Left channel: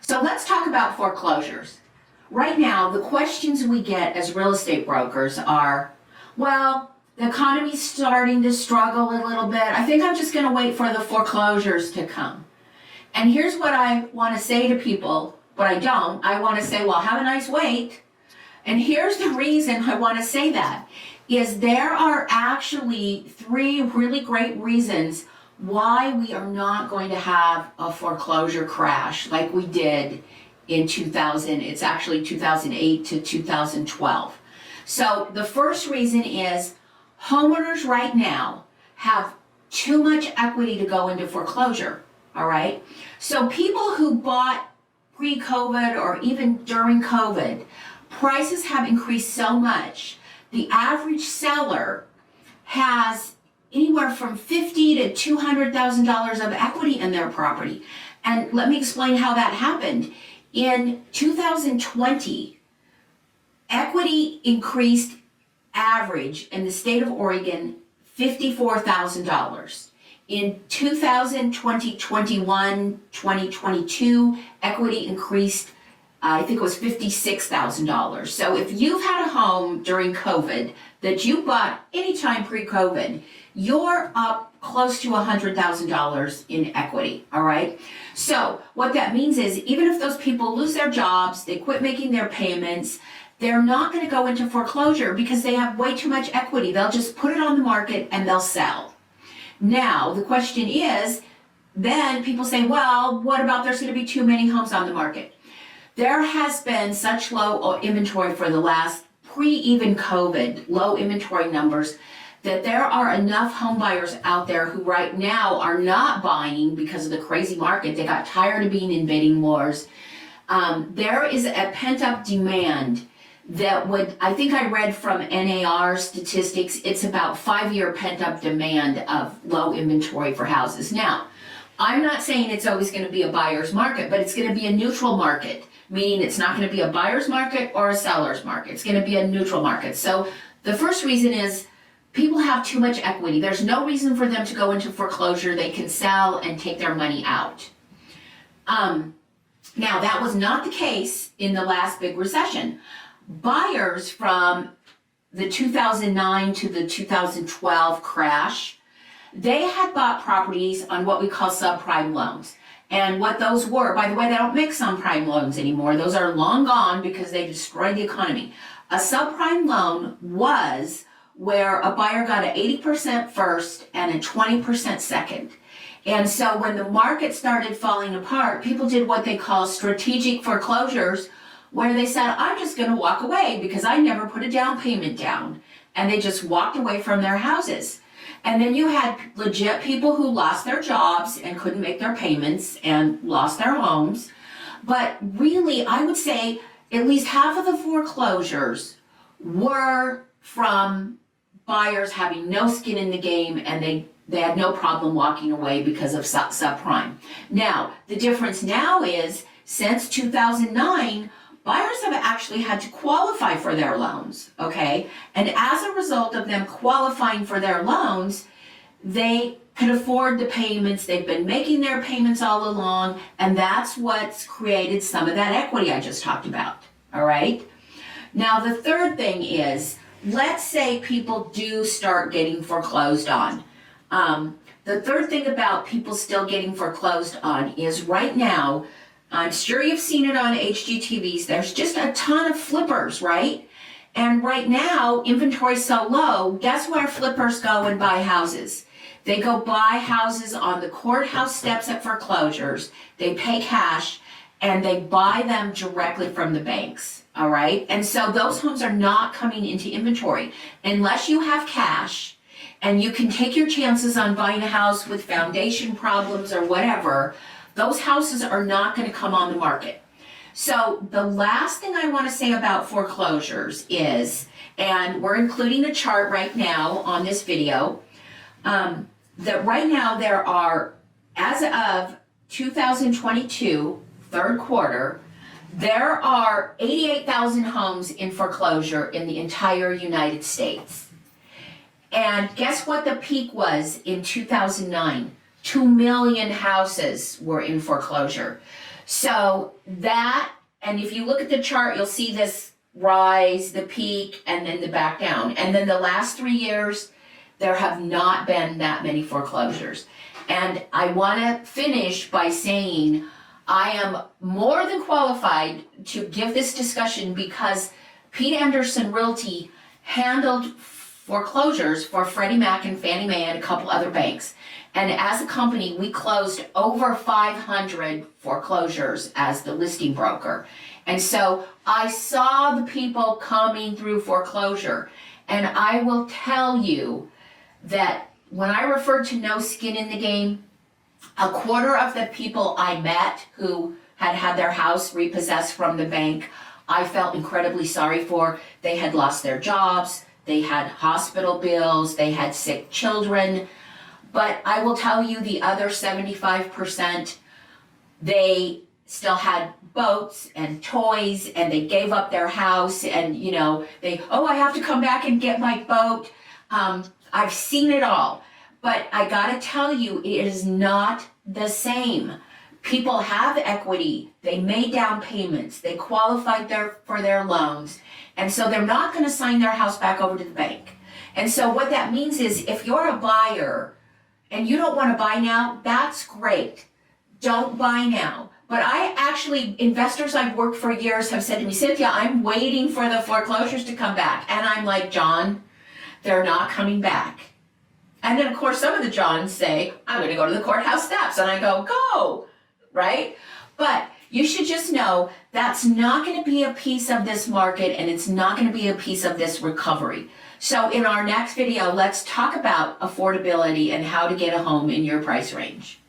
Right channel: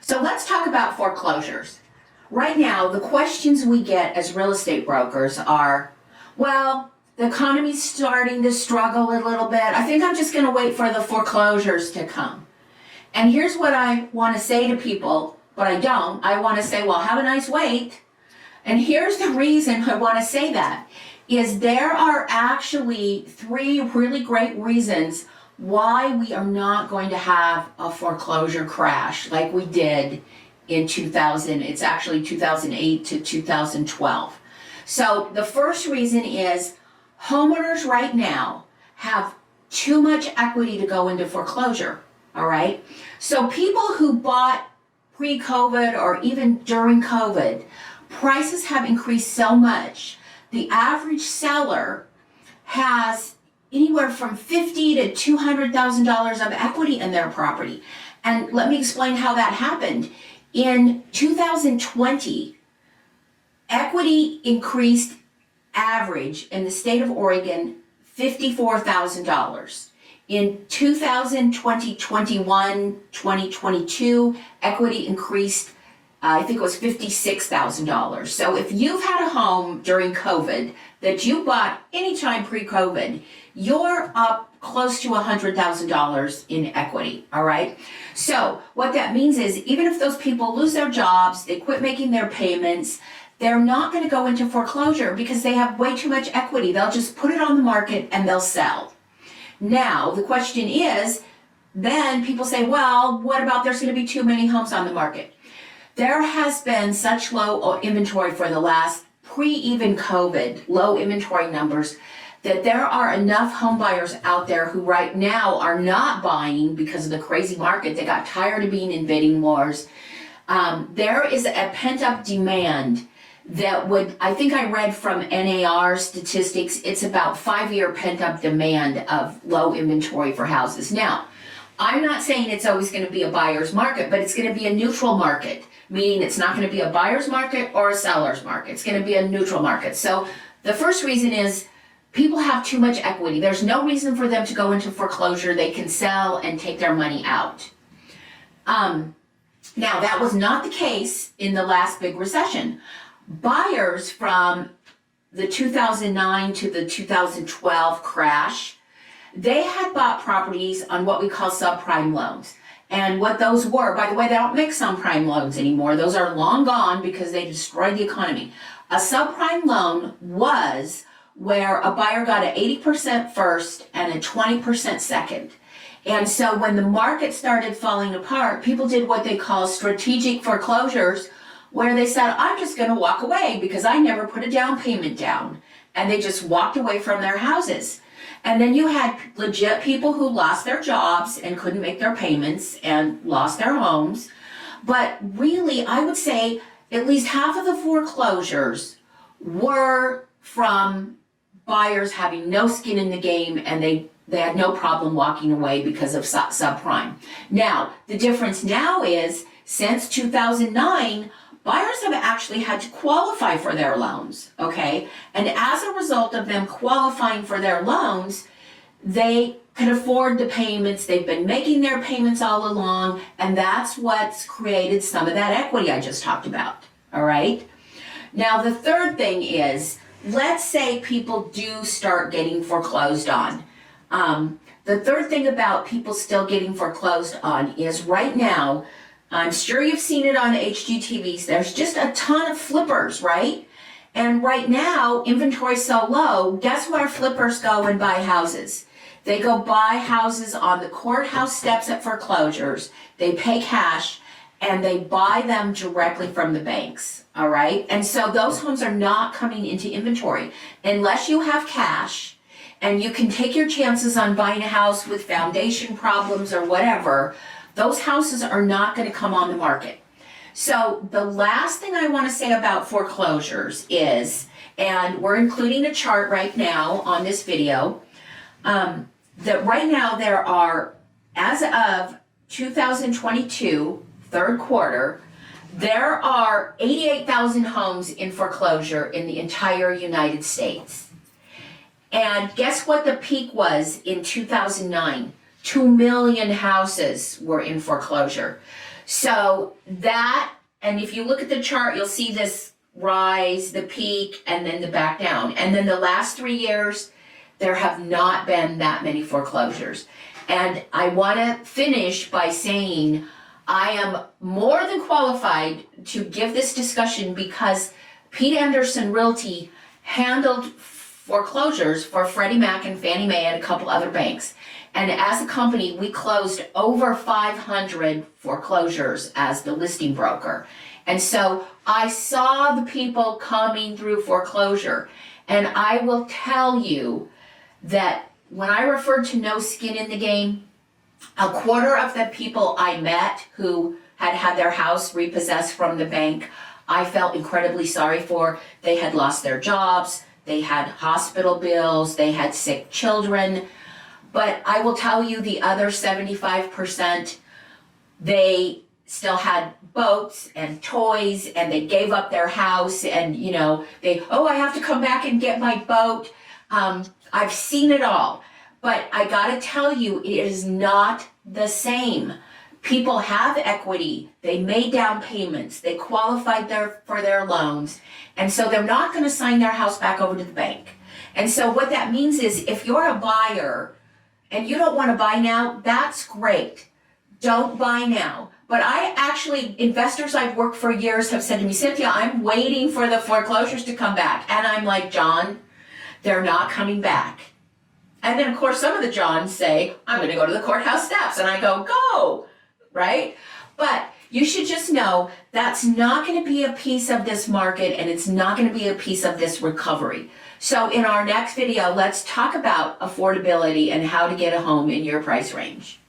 So let's talk about foreclosures. Right now, the questions we get as real estate brokers are, well, the economy's starting to struggle a little bit. I think I'm just going to wait for the foreclosures to come. And here's what I want to say to people, but I don't. I want to say, well, have a nice wait. And here's the reason I want to say that, is there are actually three really great reasons why we are not going to have a foreclosure crash like we did in 2000. It's actually 2008 to 2012. So the first reason is homeowners right now have too much equity to go into foreclosure, all right? So people who bought pre-COVID or even during COVID, prices have increased so much. The average seller has anywhere from $50,000 to $200,000 of equity in their property. And let me explain how that happened. In 2020, equity increased average in the state of Oregon $54,000. In 2021, 2022, equity increased, I think it was $56,000. So if you've had a home during COVID that you bought anytime pre-COVID, you're up close to $100,000 in equity, all right? So what that means is even if those people lose their jobs, they quit making their payments, they're not going to go into foreclosure because they have way too much equity. They'll just put it on the market and they'll sell. Now, the question is, then people say, well, what about there's going to be too many homes on the market? There has been such low inventory for the last pre-even COVID, low inventory numbers, that there are enough home buyers out there who right now are not buying because of the crazy market. They got tired of being in bidding wars. There is a pent-up demand that would, I think I read from NAR statistics, it's about 5-year pent-up demand of low inventory for houses. Now, I'm not saying it's always going to be a buyer's market, but it's going to be a neutral market, meaning it's not going to be a buyer's market or a seller's market. It's going to be a neutral market. So the first reason is people have too much equity. There's no reason for them to go into foreclosure. They can sell and take their money out. Now, that was not the case in the last big recession. Buyers from the 2009 to the 2012 crash, they had bought properties on what we call subprime loans. And what those were, by the way, they don't make subprime loans anymore. Those are long gone because they destroyed the economy. A subprime loan was where a buyer got an 80% first and a 20% second. And so when the market started falling apart, people did what they call strategic foreclosures, where they said, I'm just going to walk away because I never put a down payment down. And they just walked away from their houses. And then you had legit people who lost their jobs and couldn't make their payments and lost their homes. But really, I would say at least half of the foreclosures were from buyers having no skin in the game, and they had no problem walking away because of subprime. Now, the difference now is since 2009, buyers have actually had to qualify for their loans, okay? And as a result of them qualifying for their loans, they can afford the payments. They've been making their payments all along, and that's what's created some of that equity I just talked about, all right? Now, the third thing is, let's say people do start getting foreclosed on. The third thing about people still getting foreclosed on is right now, I'm sure you've seen it on HGTVs, there's just a ton of flippers, right? And right now, inventory's so low, guess where flippers go and buy houses? They go buy houses on the courthouse steps at foreclosures, they pay cash, and they buy them directly from the banks, all right? And so those homes are not coming into inventory unless you have cash and you can take your chances on buying a house with foundation problems or whatever. Those houses are not going to come on the market. So the last thing I want to say about foreclosures is, and we're including a chart right now on this video, that right now there are, as of 2022, third quarter, there are 88,000 homes in foreclosure in the entire United States. And guess what the peak was in 2009? 2 million houses were in foreclosure. So that, and if you look at the chart, you'll see this rise, the peak, and then the back down. And then the last 3 years, there have not been that many foreclosures. And I want to finish by saying I am more than qualified to give this discussion because Pete Anderson Realty handled foreclosures for Freddie Mac and Fannie Mae and a couple other banks. And as a company, we closed over 500 foreclosures as the listing broker. And so I saw the people coming through foreclosure. And I will tell you that when I referred to no skin in the game, a quarter of the people I met who had had their house repossessed from the bank, I felt incredibly sorry for. They had lost their jobs, they had hospital bills, they had sick children. But I will tell you the other 75%, they still had boats and toys and they gave up their house and, you know, I have to come back and get my boat. I've seen it all. But I gotta tell you, it is not the same. People have equity, they made down payments, they qualified for their loans, and so they're not gonna sign their house back over to the bank. And so what that means is if you're a buyer and you don't wanna buy now, that's great. Don't buy now. But investors I've worked for years have said to me, Cynthia, I'm waiting for the foreclosures to come back. And I'm like, John, they're not coming back. And then, of course, some of the Johns say, I'm going to go to the courthouse steps. And I go, right? But you should just know that's not going to be a piece of this market and it's not going to be a piece of this recovery. So in our next video, let's talk about affordability and how to get a home in your price range.